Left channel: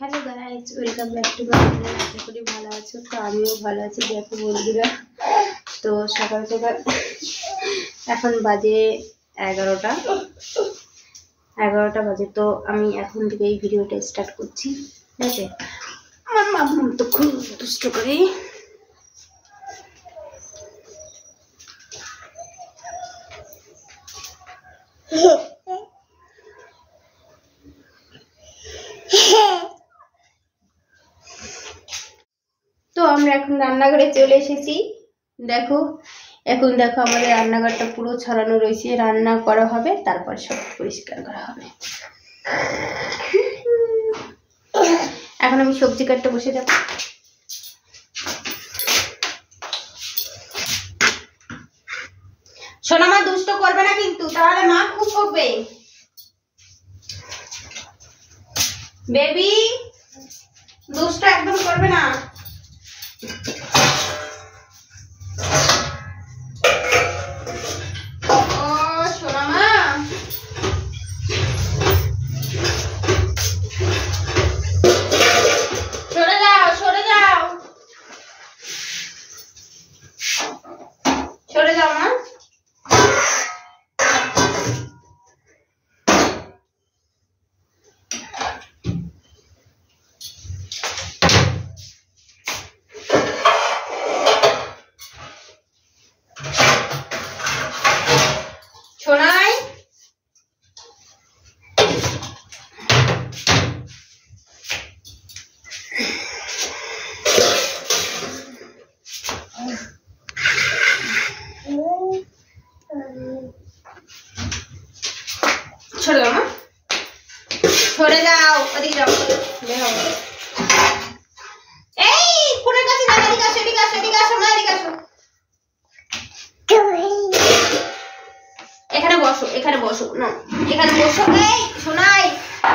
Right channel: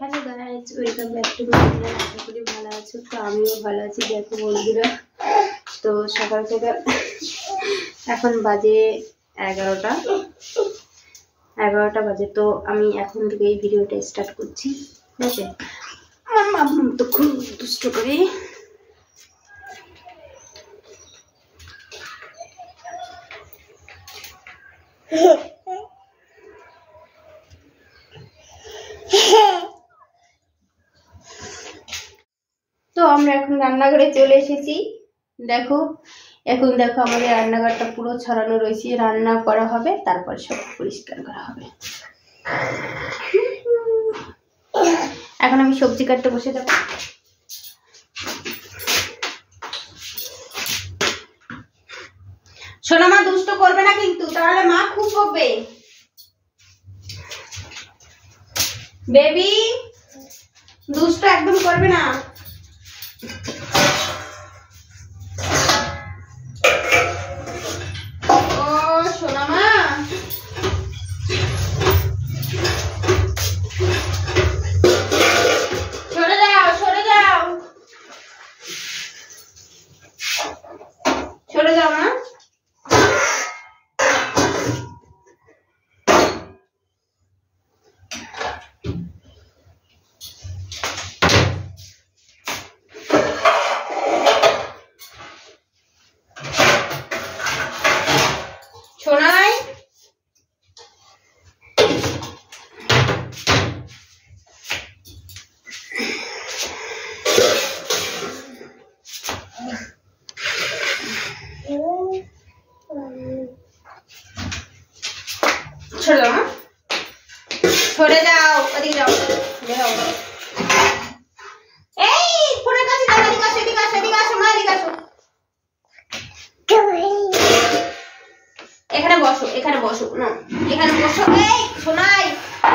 Hello guys welcome back to my channel. আশা করি ভালো আছো। তো আমিও ভালো আছি। দেখো বন্ধুরা, তো সকাল সকাল এখন বাজে 11টা বাজে। তো আমি এখন থেকে এই ভিডিওটা স্টার্ট করছি। ঠিক আছে, আমার মাম্মা তো খুব দুষ্ট করে। তো আমরা এখন রান্নাঘরে চলে এসেছি। দেখো এখন দেখো আমাদের রান্নাঘরটা পুরো ছড়ানো রয়েছে। রান্না করা হবে, তারপর সব পরিষ্কার করা হবে। এখন আমি সবজি কাটতে বসে যাব। সোনা মা দুষ্ট করবে না কিন্তু, তাহলে মা খুব বকবে। বেবি দুষ্ট একদম করবে না। छोड़ जाओ ना, छोड़े जाओ, अभी जाओ, देखो, ए, पूरे का सीधा एदिके आसो, एदिके आसो, एदिके आसो, माँ एदिके आसो, এখানে বসো, না, এখানে বসো, এই, শোনাই,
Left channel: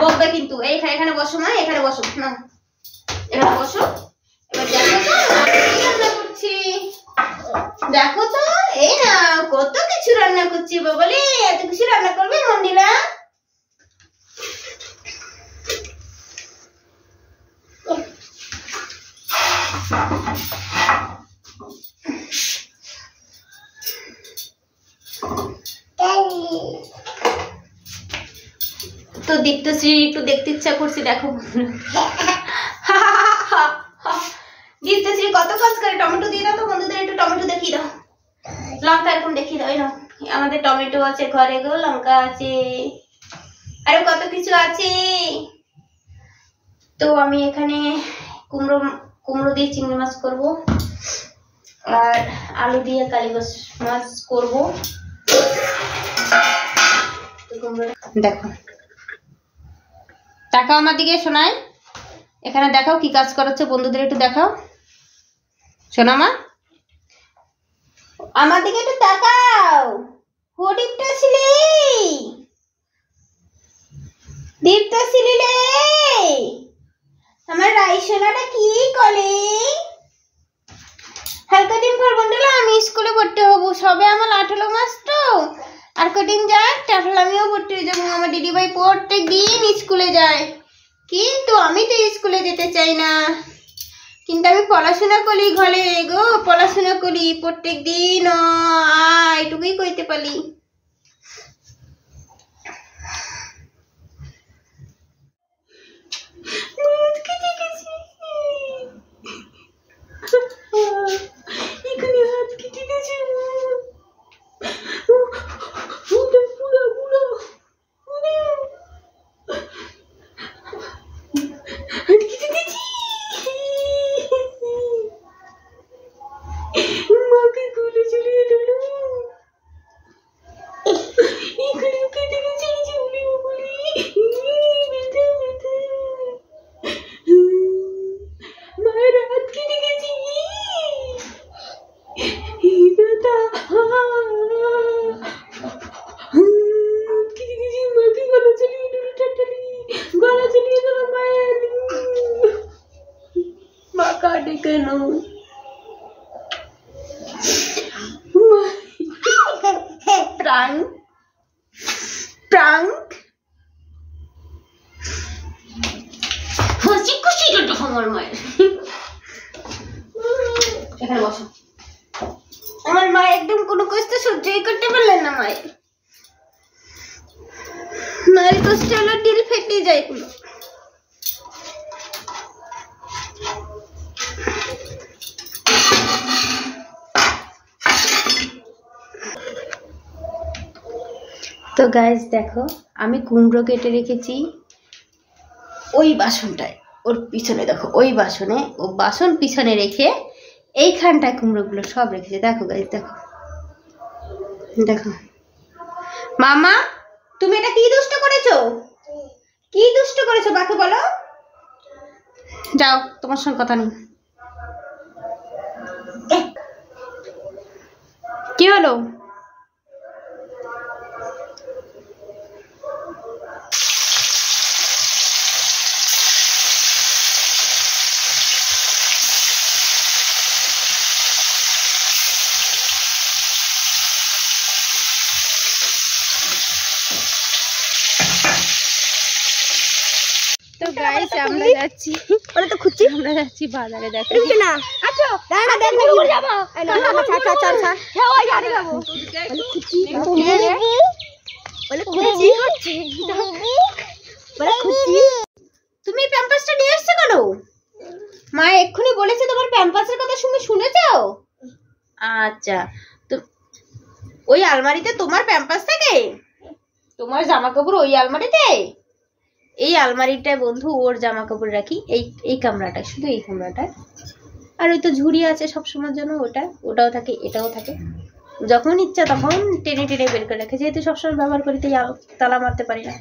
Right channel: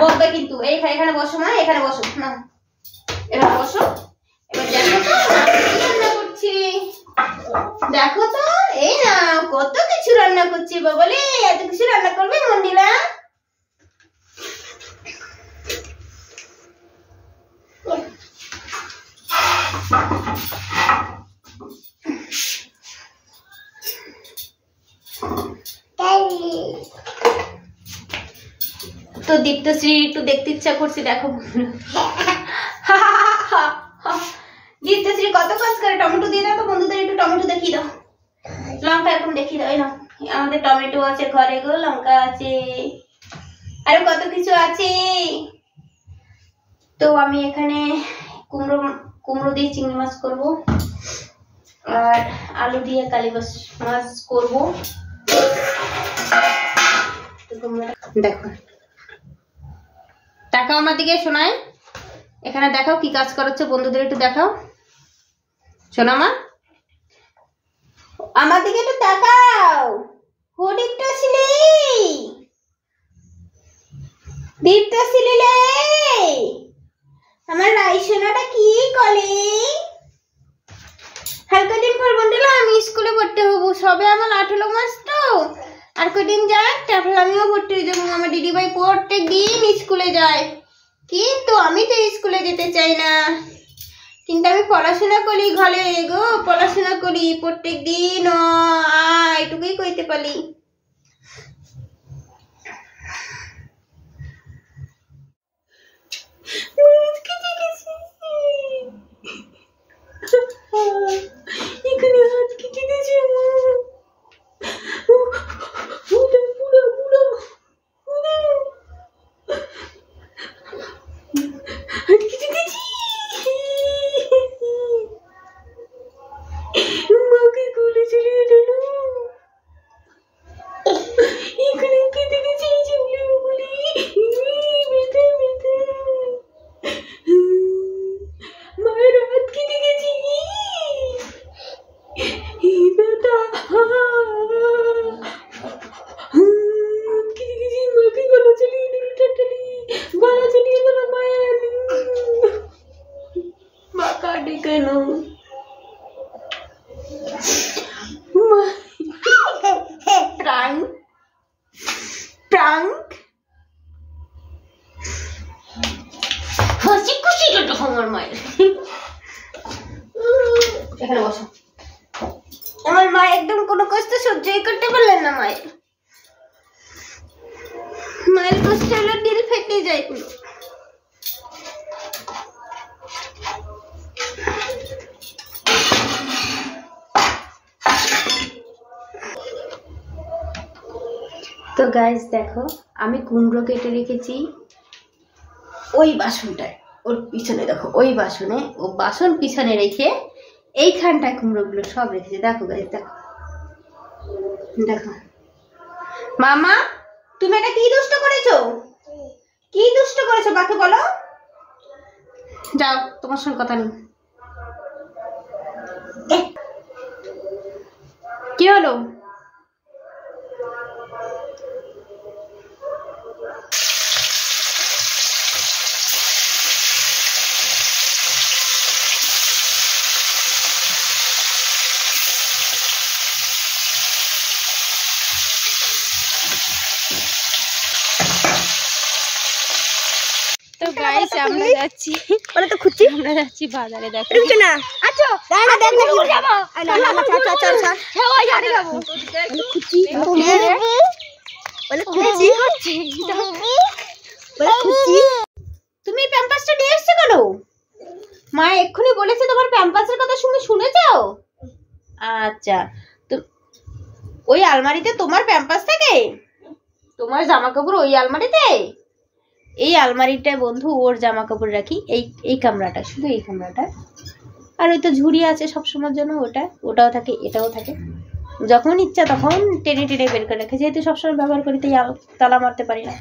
বকবে কিন্তু, এখানে বসো মা, এখানে বসো, না, এখানে বসো, এবার দেখো তো, কি রান্না করছি, দেখো তো, এই না, কত কিছু রান্না করছি, বাবলি, এত কিছু রান্না করবে মন্দিরা? তো দীপ্তশ্রী একটু দেখতে ইচ্ছা করছে, দেখো দীপ্তশ্রী কত কাজ করে। টমেটো দিয়ে দাও তো বন্ধুদের, একটু টমেটো দেখিয়ে দাও, লঙ্কা এরকম দেখিয়ে দাও। এই নাও, আমাদের টমেটো আছে ঘরে গো, লঙ্কা আছে, আরো কত কিছু আছে। তো আমি এখানে কুমড়ো দিয়ে চিংড়ি মাছ করব, আর আলু দিয়ে কালীবাস মাছ করব। দেখো, তাকাও আমার দিকে শোনায়, এখানে দেখাও কি কাজ করছে বন্ধুদের, একটু দেখাও শোনা মা, আমার দিকে একটু তাকাও। দীপ্তশিলি রে, আমার রাইসোনাটা কি করে। আর কদিন পর বন্ধুরা আমি স্কুলে ভর্তি হবো, সবে আমার 18 মাস, তো আর কদিন যাক তারপর আমিও ভর্তি হয়ে যাবো। আমার দিদিভাই প্রত্যেক দিন স্কুলে যায়, কিন্তু আমি তো স্কুলে যেতে চাই না। কিন্তু আমি পড়াশোনা করি ঘরে গো, পড়াশোনা করি প্রত্যেক দিন, এটুকুই কইতে পারি। prank. আমার মায়ের। এখানে বসো। আমার মা একদম কোনো কষ্ট সহ্যই করতে পারলেন না। মায়ের কষ্ট হলো দিল ফেটে যায় পুরো। তো গাইস দেখো, আমি কুমড়ো কেটে রেখেছি ওই বাসনটায়, ওর পিছনে দেখো, ওই বাসনে, ও বাসন পিছনে রেখে এইখানটায় কুমড়োগুলো সব রেখেছে। দেখো গাইস, দেখো দেখো। মামা, তুমি এটা কি দুষ্ট করেছো? কি দুষ্ট করেছো বাকে বলো? যাও, তোমার সঙ্গে কথা নেই। কি হলো? তো গাইস আমরা যাচ্ছি, ওরা তো খুঁজছি, আমরা যাচ্ছি বাজারে। দেখো না, আচ্ছা দাঁড়া দেখ না কি যাব, আই না না চল চল চল চল হে ওই যাবে যাব, বলে খুঁজছি বলে খুঁজছি হচ্ছে বলে খুঁজছি। তুমি প্যাম্পাসটা নিয়ে এসেছো কেন? মা এক্ষুনি বলেছে তোমার প্যাম্পাসের কথা শুনেছো? আচ্ছা, তো ওই আলমারিতে তোমার প্যাম্পাস থাকে? তোমার জামা কাপড় ওই আলমারিতে? এই আলমারিটায় বন্ধু ওর জামা কাপড় রাখি, এই কামরাটা, শুধু এই কামরাটা। আর ওই তো ঝুড়ি আছে সবসময়ের জন্য, ওটাও থাকে, এটাও থাকে। যখন ইচ্ছা তখন টেনে টেনে বের করে রাখে, যেহেতু সবসময় ব্যবহার করি তাই তালা মারতে পারি না,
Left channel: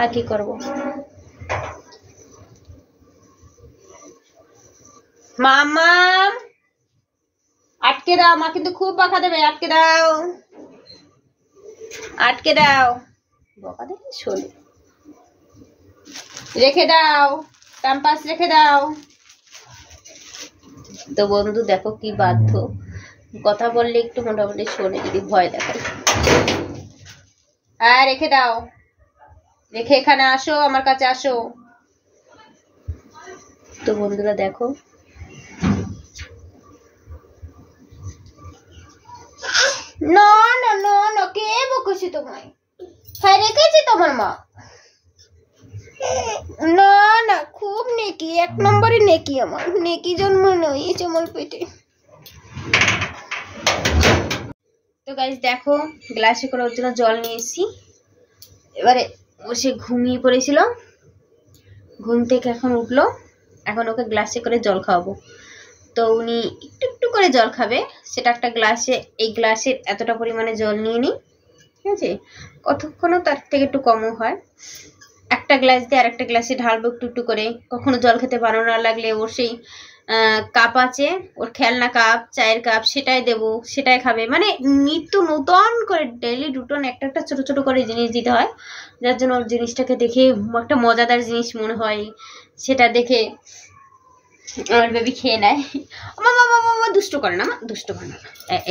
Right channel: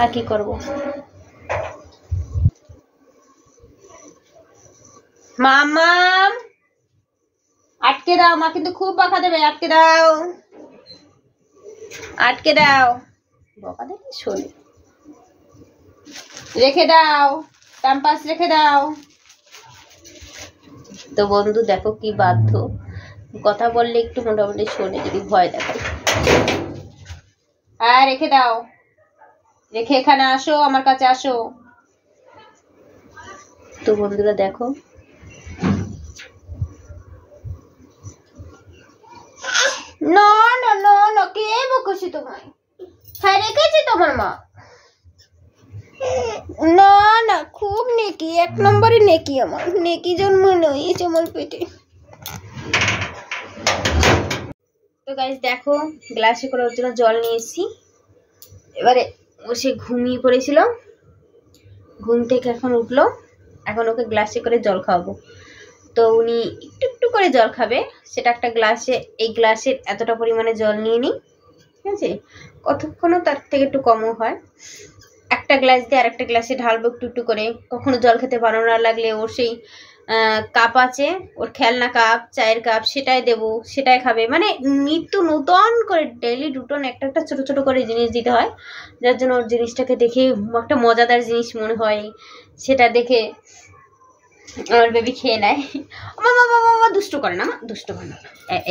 আর কি করব। মামা আটকে দাও, মা কিন্তু খুব বকা দেবে, আটকে দাও আটকে দাও। বকা দেবে শোনে, রেখে দাও, প্যাম্পাস রেখে দাও। তো বন্ধু দেখো কি বাধ্য, কথা বললে একটু মোটামুটি শোনে, যদি ভয় দেখায়। হ্যাঁ রেখে দাও, রেখে এখানে আসো, আমার কাছে আসো। তো বন্ধুরা দেখো, না না না না, কে বকেছি তোমায়? হ্যাঁ রেখেছি তোমার মা। না না, খুব নেকি, 1 নম্বরে নেকি, আমার নেকি জন্ম নিয়েছে আমার পেটে। তো গাইস দেখো, গ্লাসে করে ওর জন্য জল নিয়ে এসেছি। এবারে ও সে ঘুমিয়ে পড়েছিল, ঘুম থেকে এখন উঠলো, এখন ওকে গ্লাসে করে জল খাওয়াবো। তো উনি একটু একটু করে জল খাবে, সেটা একটা গ্লাসে, এই গ্লাসের এতটা পরিমাণে জল নিয়ে নিই, ঠিক আছে? কতক্ষণও তার থেকে একটু কমও হয়। একটা গ্লাস দিয়ে আর একটা গ্লাসে ঢালবো একটু একটু করে। কখনো জল খেতে ভালো না লাগলে ওর সেই কাপ আছে, ওর খেলনা কাপ, চায়ের কাপ, সেটাই দেবো, সেটাই খাবে। মানে নিত্য নতুন করে ডেইলি রুটিন একটা একটা ছোট ছোট করে জিনিস দিতে হয়, যার জন্য ওর জিনিসটাকে দেখে একটা মজাদার জিনিস মনে হয়, সেটা দেখে আমার বেবি খেয়ে নেয়। মামা মামা মামা দুষ্ট করে না, মা দুষ্ট করে না।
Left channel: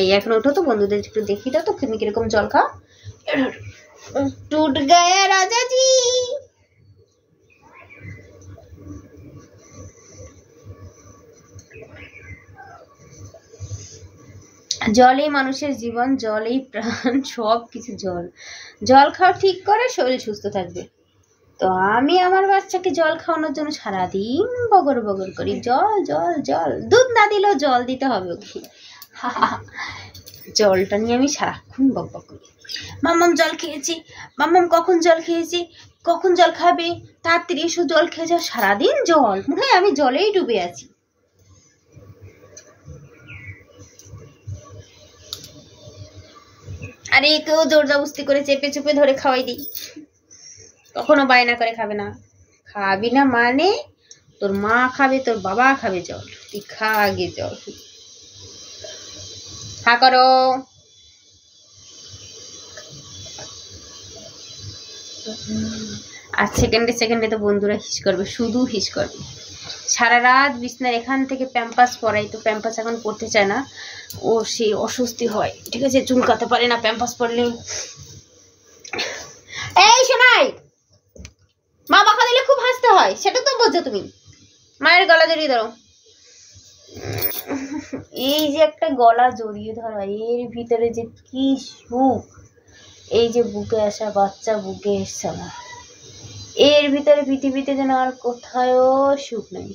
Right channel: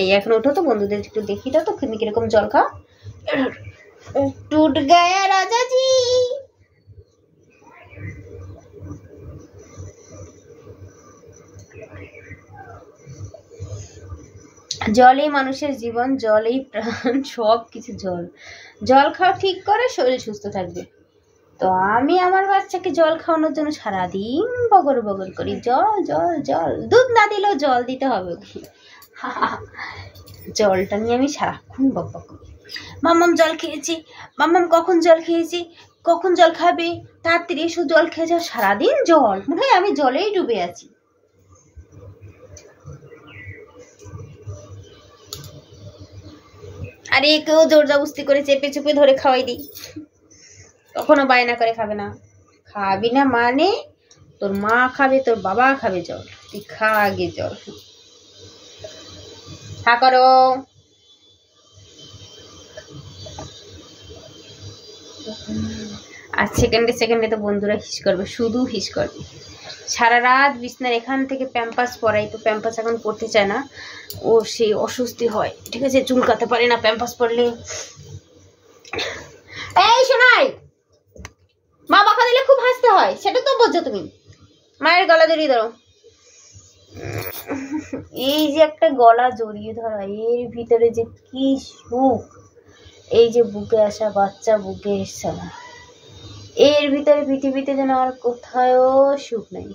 এই এখন ওঠো তো, বন্ধুদের একটু দেখি দাও তো তুমি কিরকম জল খাও। টুট গায়া রাজাজি। জলেই মানুষের জীবন, জলেই প্রাণ, সব কিছু। জল খাওয়া ঠিক করে শরীর সুস্থ থাকবে। তো আমি আমার বাচ্চাকে জল খাওয়ানোর জন্য সারাদিন বগর বগর করি, জল জল জল। দুধ না দিলেও জল দিতে হবে ওকে। জলটা নিয়ে আমি সারাক্ষণ বক বক করি। মাম্মাম জল খেয়েছি, মাম্মাম কখন জল খেয়েছি, কখন জল খাবে, তাড়াতাড়ি এসো জল খেয়ে যাও। সারাদিন জল, মনে হয় আমি জলেই ডুবে আছি। আর একেও জোর জবস্তি করে চেপে চেপে ধরে খাওয়াই দিই, কখনো বায়না করে খাবে না। খাবি না মানে তোর মা খাবে, তোর বাবা খাবে জল, তুই খা আগে জল। হা করো। আর সেকেন্ডে সেকেন্ডে তো বন্ধুরা হিস করবে, শুধু হিস করবে। সারা রাত বিছনার এখান থেকে প্যাম্পাস পরাই, তো প্যাম্পাস এখন পরতে চায় না, ওর সেই অস্বস্তি হয়, ঠিক আছে? চুলকাতে পারে না প্যাম্পাস পরলে। এই শোনাই, মা বকা দিলে খুব হাসতে হয়, সেটা তো বোঝো তুমি। মায়ের গলা জড়িয়ে ধরো। এই যে একটা গলা জড়িয়ে ধরা, এর ভিতরে যে কি সুখ। এই যে বুকে আসা বাচ্চা, বুকে এসছে আমার, এর ভিতরে পৃথিবীতে যেন আর কোথাও সুখ নেই।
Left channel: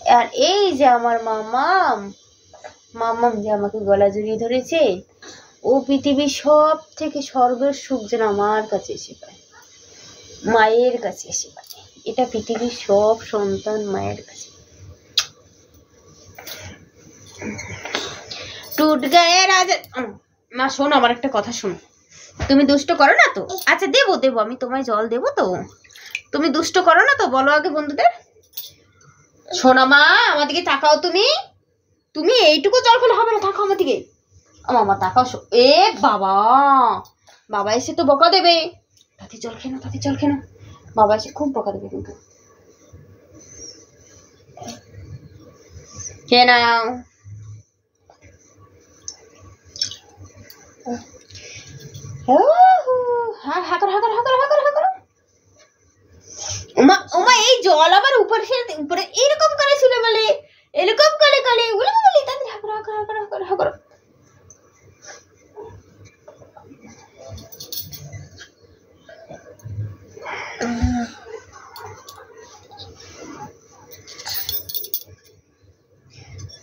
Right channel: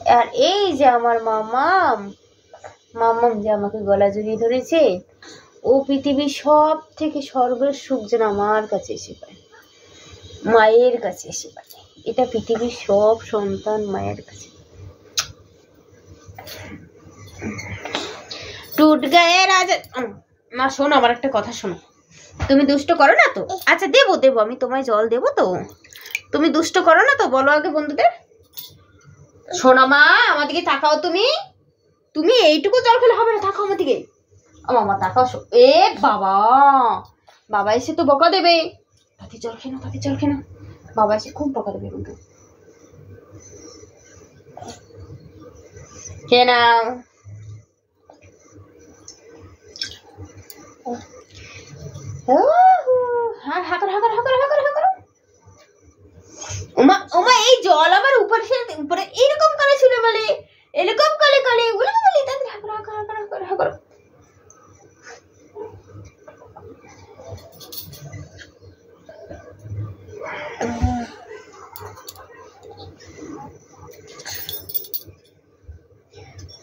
আর এই যে আমার মামাম, মামাম যে আমাকে গলা জড়িয়ে ধরেছে, ও পৃথিবীর সব থেকে স্বর্গের সুখ যেন আমার কাছে এসে পায়, মায়ের কাছে এসে পায়। এটা পৃথিবীর সব সন্তান মায়ের কাছে। টুট গায়ে রাজা। মা শোনো, আমার একটা কথা শোনো। তুমি দুষ্ট করো না তো? আচ্ছা দেবো দেবো, আমি তোমায় জল দেবো তো। তুমি দুষ্ট করো না তো? বলো আগে বন্ধুদের। শোনা মা, আমার দিকে তাকাও। তুমি তুমি এইটুকু জল খেলে হবে না, তাকাও আমার দিকে। মামা তাকাও। এ বাবা, বাবা এসে তো বকা দেবে। তাতে জল খেয়ে নাও, তাতে জল খেয়ে নাও। বাবা এসে খুব বকা দেবে কিন্তু। খেয়ে নাও। এই জল আবার উপরে উপরে এইরকম করে ছিল বলে, এরকম করে করে ওগুলো বলি তাদের হাগর।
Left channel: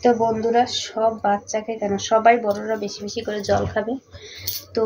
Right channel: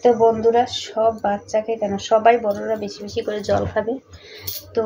তো বন্ধুরা, সব বাচ্চাকে কেন, সবাই বড়রা বেশি বেশি করে জল খাবে। তো